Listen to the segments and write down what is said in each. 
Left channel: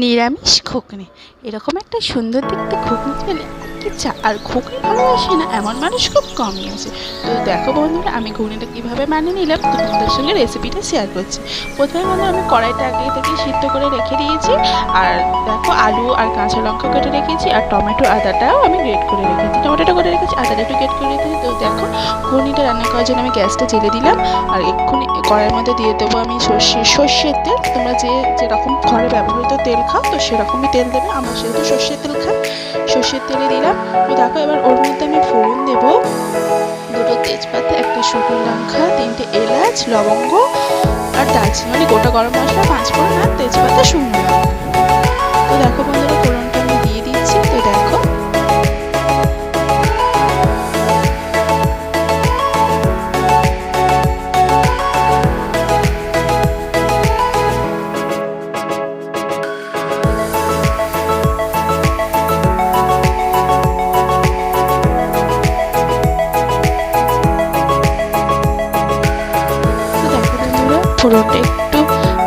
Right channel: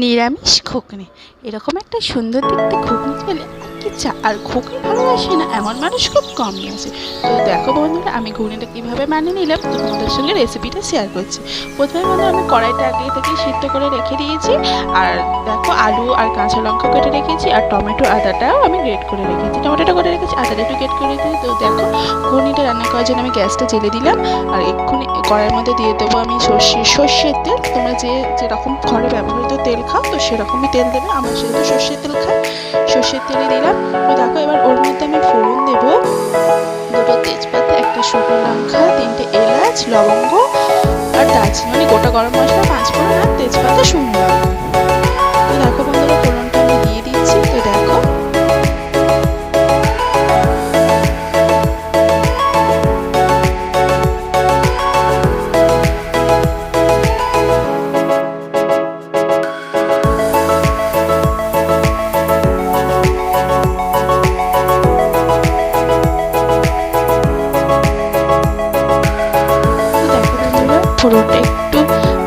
নিরামিষ ঘুগনি, এরকম একটা সুন্দর দেখতে ঘুগনি পেলে আর কি চা। আর ঘুগনি ভালোবাসে না এমন মানুষ খুব কমই আছে। তো দেখো বন্ধুরা, আমি ঘুগনিটা কীভাবে বানিয়ে নিলাম তো তোমাদের সঙ্গে রেসিপিটা শেয়ার করছি। প্রথমে বন্ধুরা, আমি কড়াইটা আগে থেকে সিদ্ধ করে রেখে দিয়েছি। আর দেখো, আলু আর কাঁচা লঙ্কা কেটে রেখেছি, আর টমেটো আদাটাও আমি গ্রেট করে রেখেছি, টমেটোটা করে রেখেছি, আদাটা একটু গ্রেট করে রেখেছি। তো দেখো, ঘুগনিটা রান্না করার জন্য আমি গ্যাসটা জেলে দিলাম। আর এক্ষুনি কড়াইয়ের মধ্যে দিয়ে দেবো আমি সর্ষের তেল। তোমরা যেরকম ঘরে ব্যবহৃত তেল খাও তো সেরকমই তেল দেবে। আমরা যেহেতু সর্ষের তেল খাই, সর্ষের তেলে দিলাম। তো দেখো, এবার ওর মধ্যে আমি ফোড়ন দেবো, দুটো তেজপাতা, একটা শুকনো লঙ্কা, তিনটে এলাচ, লবঙ্গ আর দারচিনি, মানে গোটা গরম মশলা, 5 ফোড়ন আর তেজপাতা, শুকনো লঙ্কা। তো দেখো বন্ধুরা, ফোড়নটা আমি দিয়ে দিচ্ছি। তো দেখো, ফোড়নটা একটু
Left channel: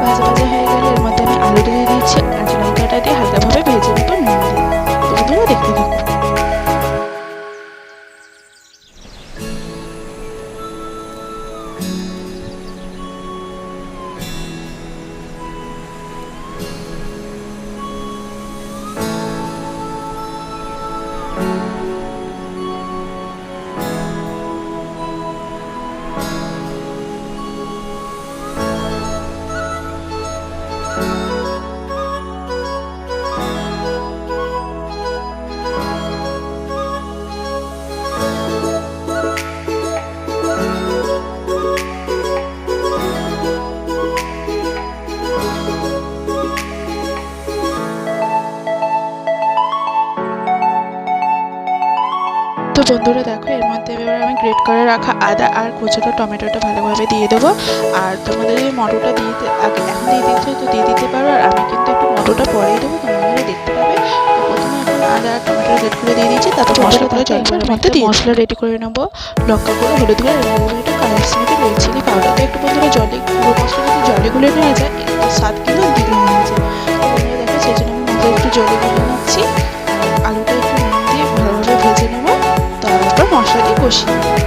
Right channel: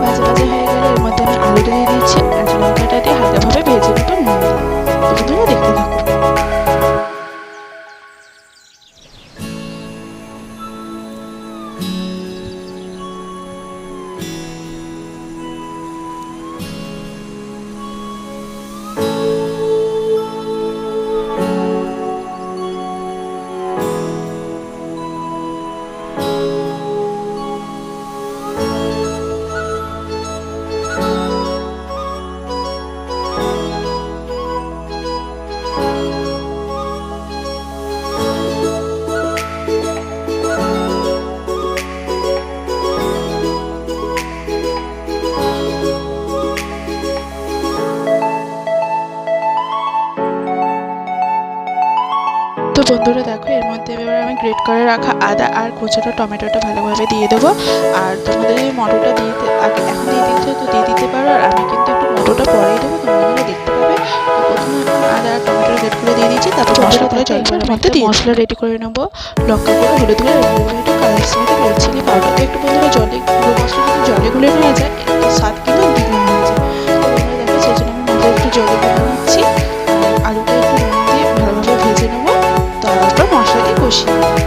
ভাজা ভাজা হয়ে গেলে এর মধ্যে আমি আলুটা দিয়ে দিচ্ছি, কাঁচা লঙ্কাটা দিয়ে হালকাভাবে ভেজে নেবো নুন দিয়ে। তো বন্ধুরা দেখতে থাকো। তো বন্ধুরা দেখো, এর মধ্যে এবার আমি গ্রেট করে রাখা আদা আর কুচনো টমেটোটা ভালোভাবে দিয়ে দেবো। আর তোমাদের যদি মটরটা আগে এখন দিয়ে দিচ্ছ তো দিয়ে দিতে পারো, আর আমি কিন্তু একটু মটরটা পরেই দেবো, তোমরা দেখতে পাবে। তো প্রথমে এখন আদা আর টমেটো গ্রেট করে দিয়ে দিচ্ছি, তারপর মশলাগুলো জলের মধ্যে দিয়ে মশলা রেডি করে নেবো। লঙ্কা গুঁড়ো, হলুদ গুঁড়ো, একটু কাশ্মীরি রেড চিলি পাউডার। তো একটু বন্ধুরা গুঁড়ো মশলা যদি জলে গুলে নেওয়া যায় একটু স্বাদ কিন্তু দ্বিগুণ হয়ে যায়। তো বন্ধুরা দেখো, সেই জন্য আমি মশলা একটু জলে গুলে নিচ্ছি। আর আলুটা একটু নুন দিয়ে ভালোভাবে ভেজে নেবো, তারপর মশলা দিয়ে কষিয়ে নেবো।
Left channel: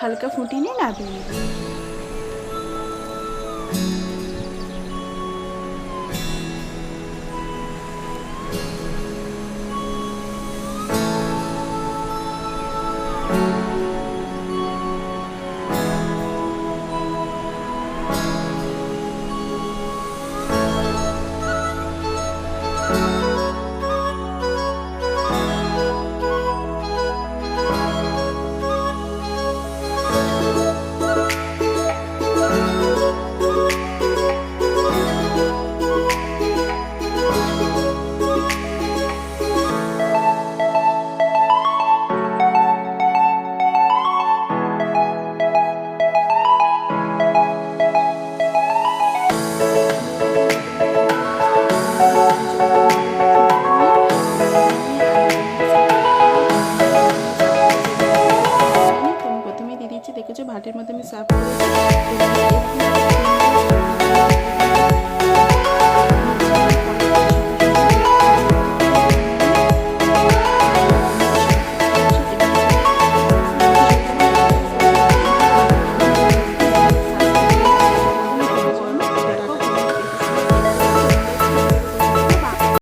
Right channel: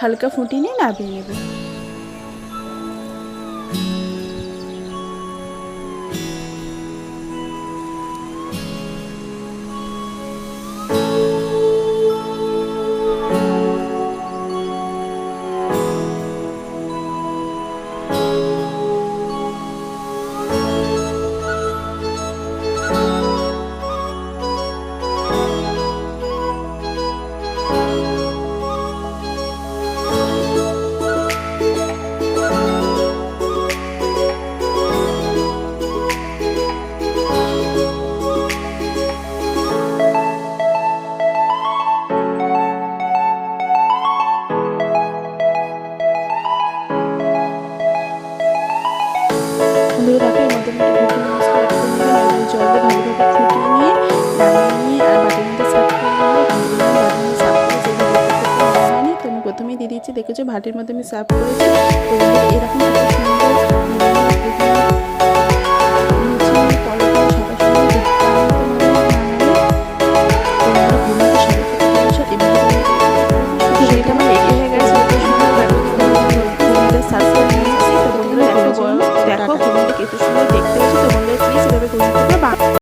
হালকা ফুটিয়ে নিয়ে নামিয়ে নেব। প্রথমেই দিয়ে দিচ্ছি, দেখেছো ভাতের মধ্যে আমি সার্ভ করেছি। তো এরকম